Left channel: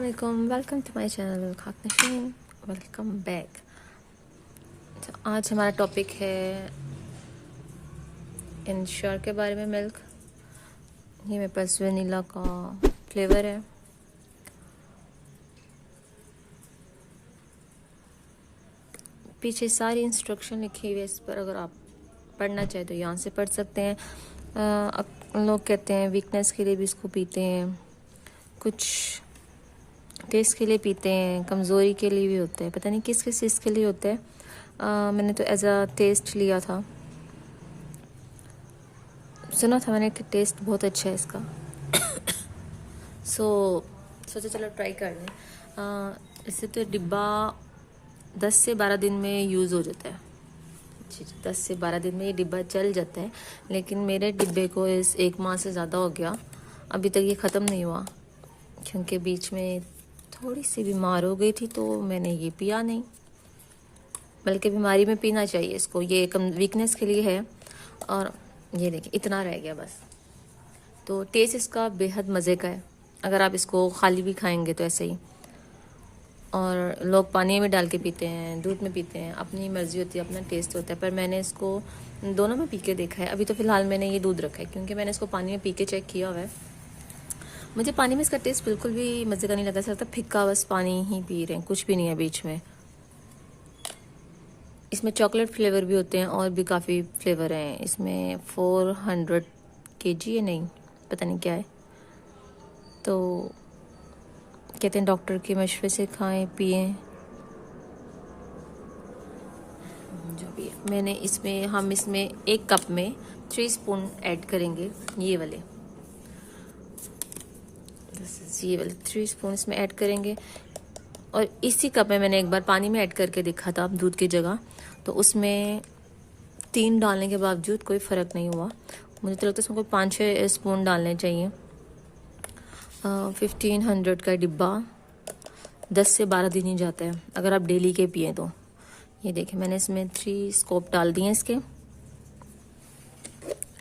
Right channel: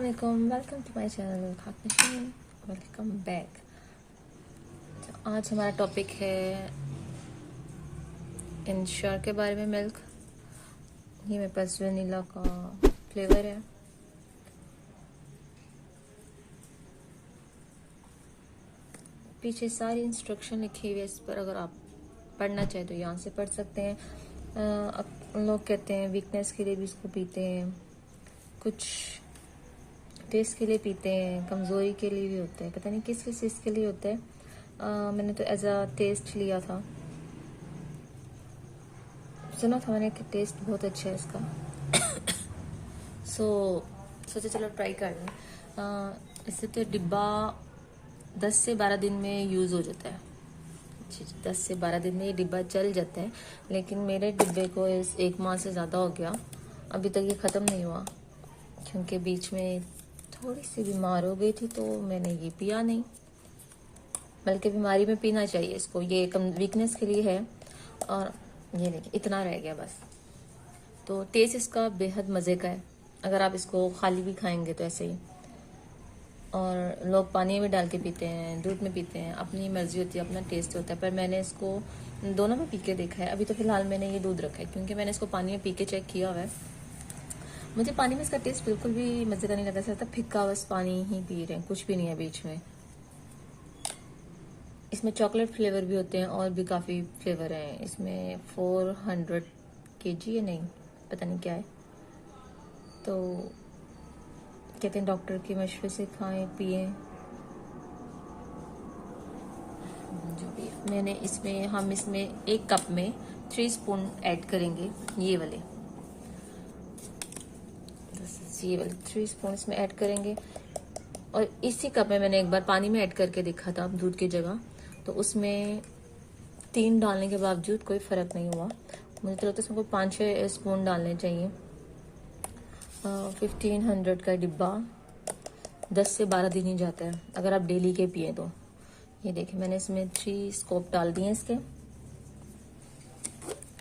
अस्सलामुअलैकुम, welcome to my channel खाक नशीन, welcome back. तो आज हमारा टॉपिक है इंश्योर के बारे में। मिल्क, ये मेरे पास वनीला का फ्लेवर है। पीछे सारी इंस्ट्रक्शन लिखी हुई है इस पर, अगर आप पढ़ना चाहें तो यहाँ से पढ़ सकते हैं। लोग कहते हैं वीकनेस के लिए भी इसको पीते हैं, कुछ टेस्ट के लिए पीते हैं, कमज़ोरी के लिए भी होता है, पता नहीं किस किस चीज़ के लिए होता है। मैंने तो एज अ टेस्ट लिया था, सुना था मैंने कि टेस्ट बहुत अच्छा है इसका। सोचा चलो ट्राई कर लें। इससे तो डिब्बा 10 से 12 दिन में यूज़ हो जाता है। 10 से 12 दिन में ये डिब्बा चल जाता है, लेकिन मेरे डिब्बे को इस 1 माह से ज़्यादा हो गया, अभी तक ये ख़त्म नहीं हुआ, क्योंकि बीच में थोड़ी सी बीमार हो गई थी तो मैंने ये पिया नहीं। बल्कि बीमारी में पीना चाहिए इसको, ये कम वीकनेस के लिए है। और ये देखिए इतना रह गया बस। तो टेस्ट इसका बेहद मज़े का है, अगर आप इसको खाली भी खाएंगे तो ऐसे ही। और लोग पानी में डाल के पीते हैं, दूध में पीते हैं, अपनी मर्जी होती है, अपना टेस्ट होता है। पर मैंने इसको दोनों में पी के देखा है। अभी तो फ़िलहाल मैंने ये दूध रखा है, क्योंकि मैंने इसको पानी में पी के चेक किया हुआ है। मुझे पानी में इसका टेस्ट बिल्कुल भी मज़े का नहीं लगा, ऐसा लगता फिक्का, बस पानी ही पी रहे हैं, कुछ भी नहीं है बीच में। इसमें चॉकलेट फ्लेवर भी होते हैं और भी काफ़ी फ्लेवर हैं इसमें। 400 kg है, नहीं पता नहीं क्या है। तो कहते हैं डॉक्टर के मशवरे से खाएं पिएं, जो भी है। हम इसमें 1 कप में 3 स्पून ऐड करेंगे, ये वाले 3 स्पून इसमें ऐड करेंगे। और इसी कप में मैंने एक बार पानी में ऐड करके देखा था दूध की जगह, तो उसमें 3 डालने के बावजूद कोई फ़र्क नहीं हुआ। मुझे तो लगता है इसमें कोई 5-6 स्पून डालने चाहिए। 1500 का डिब्बा 10 से 12 दिन ही जाता है, अगर आप डेली के पिए तो। ये देखें, मैंने इसमें 3 स्कूप डाल दिए इसके।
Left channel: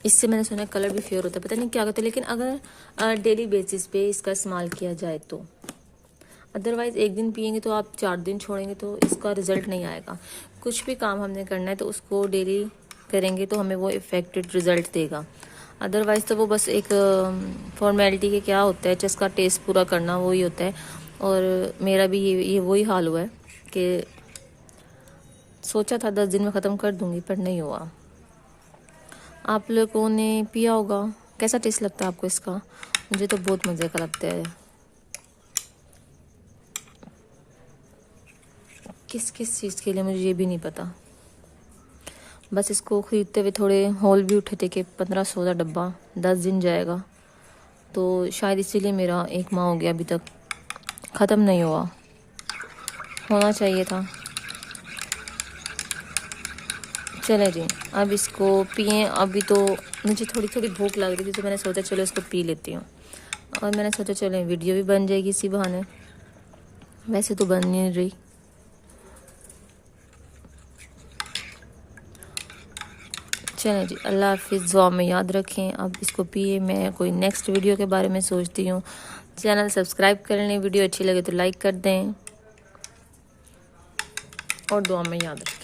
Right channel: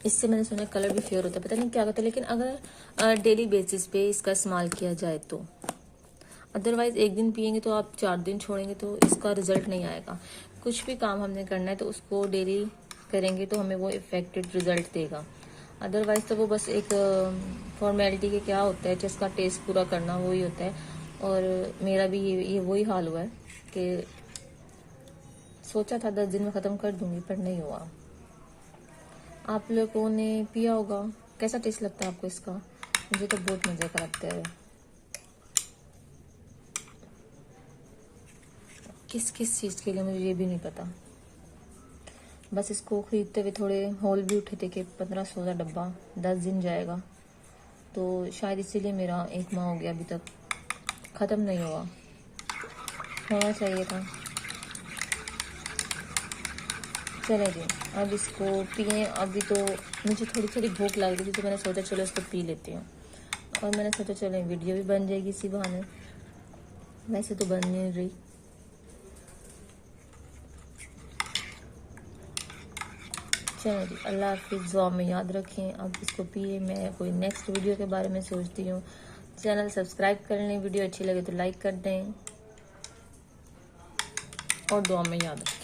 इससे मैंने सुना कलर भी फेयर होता है, पता नहीं क्या होता है, लेकिन अगर डेली बेसिस पे इसका इस्तेमाल किया जाए तो। अदरवाइज़ 1 दिन पियेंगे तो आप 4 दिन छोड़ेंगे तो इसका रिज़ल्ट नहीं आएगा। कुछ भी काम हमने करना है तो उसको डेली करेंगे तो हमें वो इफ़ेक्टेड रिज़ल्ट देगा। अदरवाइज़ तो वो बस एक फॉर्मेलिटी के क्या होता है, जिसका टेस्ट पूरा करना वही होता है। और मेरा भी ये वही हाल हुआ है कि सोचा था 10 दिन में ख़त्म कर दूँगी, पर नहीं हुआ। आप लोगों ने पिया होगा, कैसा टेस्ट लगता है आपको इसका? मुझे तो बहुत मज़े का लगता है। किस किस चीज़ के लिए मुझे ये भी नहीं पता, बस इसको ख़रीदते हुए थोड़े हॉल भी उठे थे कि 1500 डब्बा 10 दिन जाएगा, तो शायद इसीलिए मेरा 1 माह हो गया, अभी तक ख़त्म नहीं हुआ। होना चाहिए था। चले जी, अब इसको पिएं। अभी तो मुझे थोड़ी थोड़ी भूख लग रही थी, तो मैंने सोचा चलो इसको पी लेती हूँ। और मैंने सोचा चलो वीडियो भी बन जाएगी इसी बहाने, वैसे तो बन नहीं रही। चलें जी, अल्लाह हाफिज़, दुआ में याद रखें। अब इसको पिए। मैं कोई नेक्स्ट वीडियो के बारे में सोचती हूँ। चैनल सब्सक्राइब कर लें, वीडियो अच्छी लगे तो लाइक कर दें, और दुआ में याद रखें।